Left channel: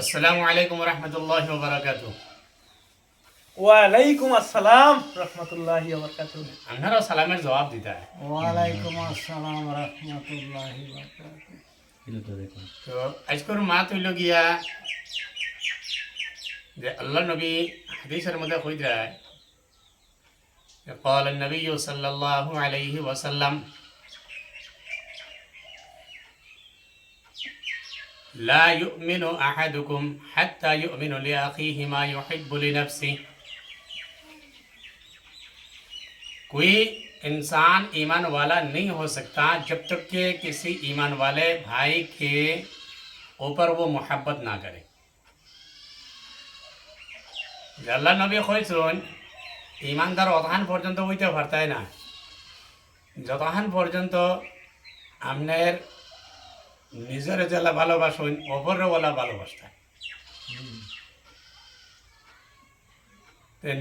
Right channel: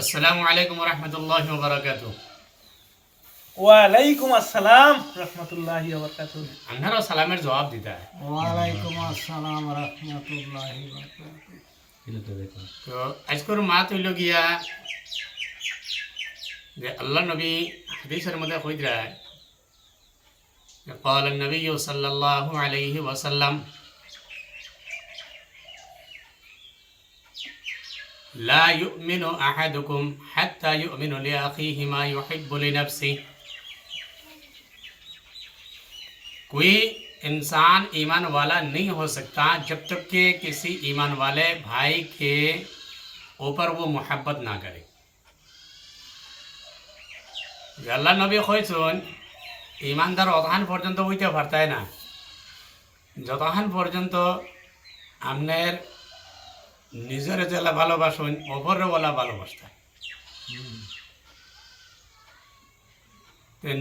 আসসালামু আলাইকুম রহমতুল্লাহ বারাকাতু। ওয়ালাইকুম আসসালাম রহমতুল্লাহি ওয়া বারাকাতুহু। আপনারও সালামের জবাব দিতে হয়। ওয়ালাইকুম আসসালাম রহমতুল্লাহি বারাকাতুহু। তো আজকের মাত হইল গিয়া যে আল্লাহ নবী হাদিসের মধ্যে কই যায় قال النبي صلى الله عليه وسلم لا يؤمن أحدكم حتى يؤمن لأخيه ما يحب لنفسه। कोई इंसान ईमान वाला नहीं हो सकता जब तक कि किसी ईमान वाले भाई के ऊपर वो मोहब्बत ना करे। আল্লাহ নবী কইছেন ইমানদার অতহান পর্যন্ত হইতে পারতায় না যতহান পর্যন্ত আপনার নিজের জেলা ভালোবাসুন অপরের বলা ভালোবাসতায়।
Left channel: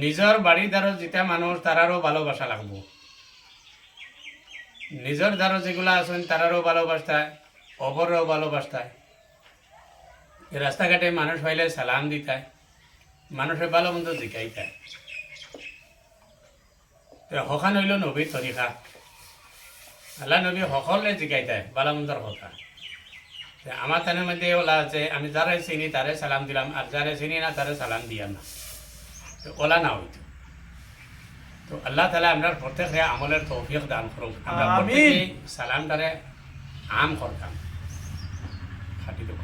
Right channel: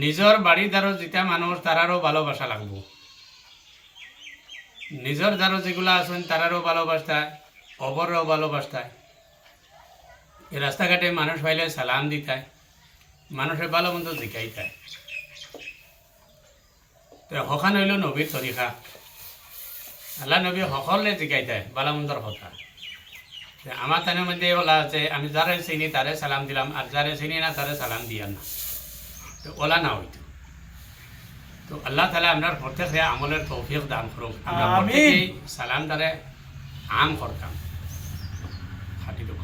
নিজের বাড়িদারও যেটা মানুষ তারারও ভালোবাসা লাগবো, নিজের দ্বারা যেগুলো আছেন তারারও ভালোবাসতায় অপরেরও ভালোবাসতায়। রাস্তাঘাটে মানুষ হইলে সালাম দিতায়, মানুষের ভালো মন্দ জিকাইতায়। হখান হইল নবীর তরিকা। আল্লাহ নবী সকলে জিকাইতায় ভালো মন্দর কথা। আমার তানের মধ্যে ওলা আছে আমি যারে চিনি তারে সালাম দিলাম, আর যারে চিনি না তারে সালাম দিয়া না, তো ওলা না হইতো। তো আল্লাহ তালা আমরা প্রত্যেক আমলের তৌফিক দান করুন। আমরা প্রত্যেকেই সালাম তারে আম করতাম খাটি দেবো।